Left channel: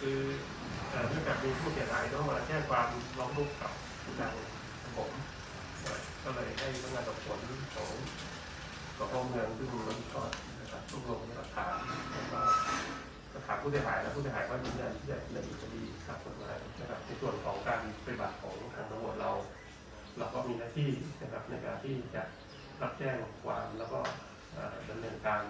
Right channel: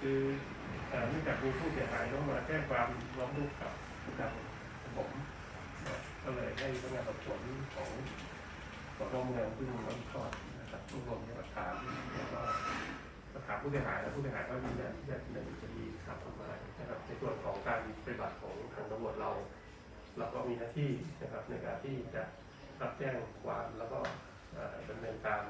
คือเนื่องจากมีผู้เสียหายต้องมาแจ้งความร้องทุกข์กับทางผมก็เลยให้พนักงานสอบสวนของสพเมืองซึ่งรับผิดชอนะครับรวบรวมพยานหลักฐานแล้วก็สถานผู้เสียหายและผู้เสียหายก็ยืนยันที่จะดำเนินคดีตามกฎหมายนะครับในส่วนของการปฏิบัติของทางตำรวจเรา เราก็มีหน้าที่นะครับในการที่จะรับแจ้งความแล้วก็ดำเนินการ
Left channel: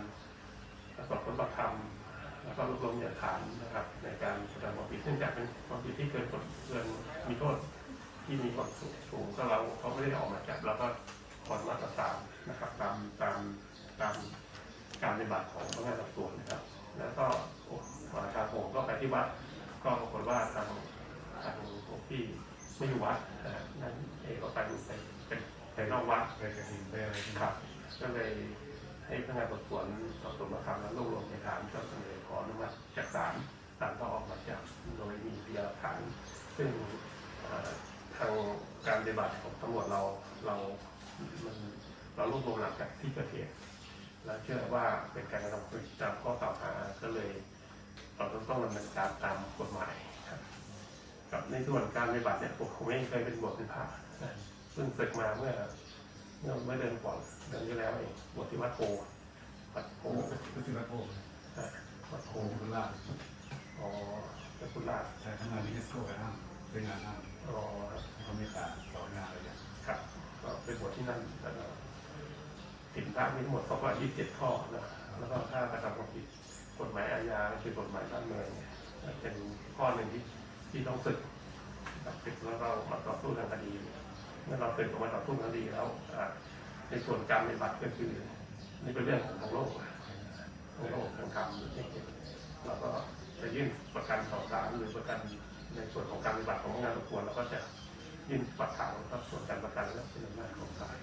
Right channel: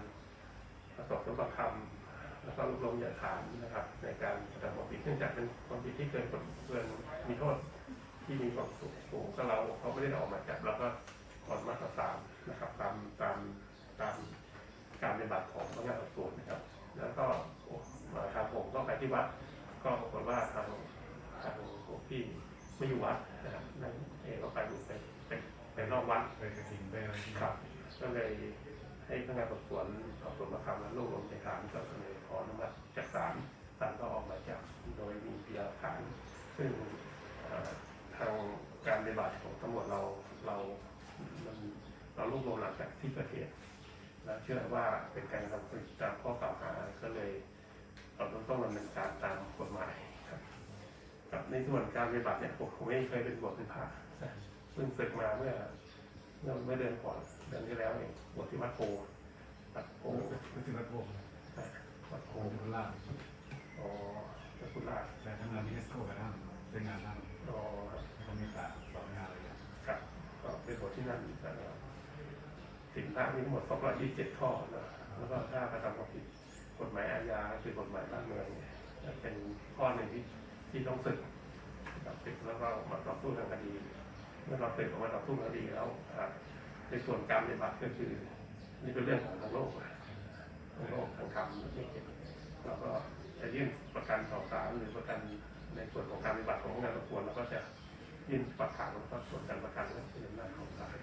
สอบสวนปากคำ แล้วก็รวบรวมพยานฐานนะครับ ในการกระทำความผิดเนื่องจากเป็นความผิดที่เกินกฎเกินมีโทษที่มีความสูงสูงก็เราเขาไม่ได้ออกหมายจับเราก็ผ่อนมาตราสามนะครับตามตามตามการปฏิบัติของพนักงานสอบสวนนะครับ แล้วก็มาทางผมก็ไปที่วัดก็ปรากฏว่าทางทางหลวงพี่ไม่อยู่วัดนะฮะนั่นเองก็ไปอยู่ไปเป็นไปนอกวัดไปกระถิ่นไปอะไรที่ครับก็เลยให้พนักงานสอบสวนสอบสวนมาคำแล้วรวบรวมพยานฐานก็เสนอ ซึ่งเอ่อทางการปฏิบัติของตำรวจเราเรามันเรารวบรวมหลักจากที่เกิดเหตุแล้วเชื่อว่าเป็นการกระทำผิดตามข้อกล่าวหาก็เลยเราต้องต้องดำเนินการตามกฎหมายครับกับในส่วนการปฏิบัติเนี่ยผมผมไม่เคยเป็นบทเป็นพระนะเพิ่งศึกมาเมื่อเมื่อเมื่อเดือนก่อนเดือนที่แล้วเองบวชที่วัดโพวัดโพโอ้รู้สึกว่าโอ้อะวัดโพโหคุณลาดอ๋อเจ้าคุณราชใช้ทำงานที่เอสโก้ไปท่าน เป็นงานท่านอ๋อเขาไม่ตาต่องานเลยครับ ก็เป็นบทที่นั่นแล้วก็สินพระมีทั้งหมดสองร้อยยี่สิบเจ็ดข้อนะแล้วก็ถ้ากระทำความผิดกฎหมายอาญาคือกฎหมายบ้านเมืองเนี่ยเป็นข้อหนึ่งที่ที่ต้องศึกศึกแล้วก็มาต่อสู้ทางคดี เมื่อเราศึกออกมาต่อสู้ทางคดีแล้วในส่วนการปฏิบัติก็คือนี่เป็นเรื่องของทางโลก ทางโลกทางธรรมนี่เราก็จะยื่นประกันต่อศาลหรือประกัน ในส่วนของการปฏิบัติของพนักงานสอบสวนเราก็จะยื่นฝักขังแล้วก็ส่วนการประกันและเป็นอำนาจของศาล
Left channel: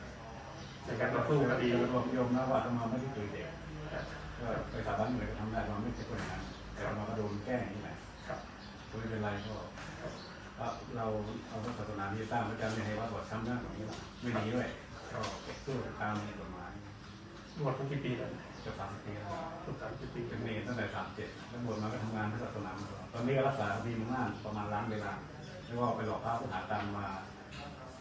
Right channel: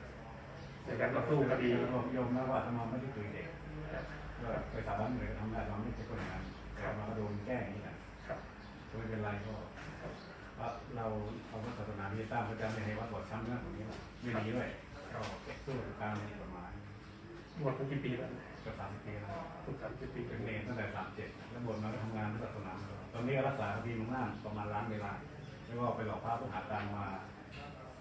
ในการต่อสู้คดีรวมยมนะว่าทำมาไม่ได้เคยเด็กนะครับว่าไปสาบานเหมือนทำได้เราไม่ใช่คนอย่างนั้นแต่เราก็โดนแกล้งนี่แหละครับก็ไม่เป็นไรก็เราเอาศาสนาที่สร้างพระเจ้าไม่ให้วัดบทซ้ำเรื่องของนี้หรอกไม่หนีด้วยก็สู้ตามกฎหมายบวชมากี่ปีแล้วจะสามปีแล้วทุกสามสิบปีเป็นเนรตั้งแต่สามเจ็ดแล้วบวชมาก็ทำงานที่ศาสนามาตล อดตอนนี้ก็รักษาคดีมาม่านประมาณล้านเวลาไม่ว่าไปหลอกพระผู้หาตามมา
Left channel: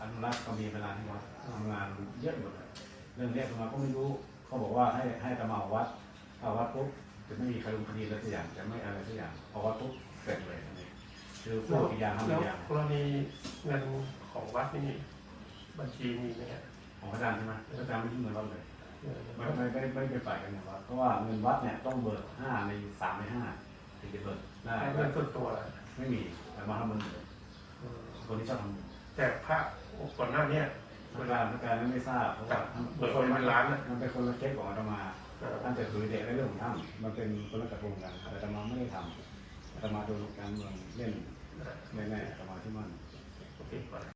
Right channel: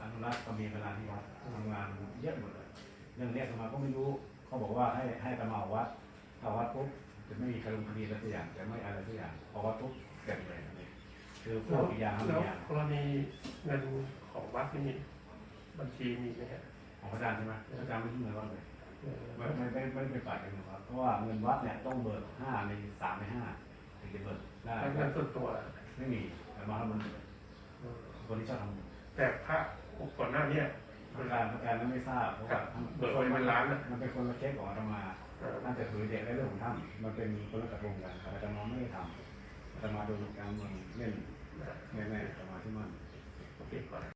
อนุรักษ์ก็มีเวลาที่วัดทำงานเยอะหมดเลยเรื่องแรกมาก็ไม่รู้เขาบอกว่าให้ให้ตะมาวัดเอาวัดปุ๊บจะไม่มีคดีคดีอะไรสักอย่างจะไม่อะไรสักอย่างพอวัดปุ๊บเสร็จเลยอันนี้คือพวกอีกอย่างทำแล้อีวกอย่างกรณีเงินของวัดที่มีบัญชีมีไหมครับของพระอาจารย์ใช่ไหมพระอาจารย์ไม่ยุ่งเงินวัดเลยเออไม่ไม่ไม่ไม่ไปฝ่ายกันเงินวัดเพราะว่าเงินวัดเนี่ยต้องเบิกห้าในสามในห้า ถึงจะเบิกได้ให้เงินส่วนตัวละไม่มีแต่มาทำบุญอืมคนที่ชอบทำบุญแต่พระก่อนหน้าเนี้เวลาพระการไม่ทราบเพราะว่าเบิกไว้เป็นล้านนะมันเป็นคนละเคสของอาตมาเออท่านแต่ถือเด็กในเรื่องของท่านมันเป็นคนละกระทงกันอาตมาไม่ได้ทำอาตมาโดนการเมืองเล่นแน่ๆอาตมาที่มัน โอเคก่อน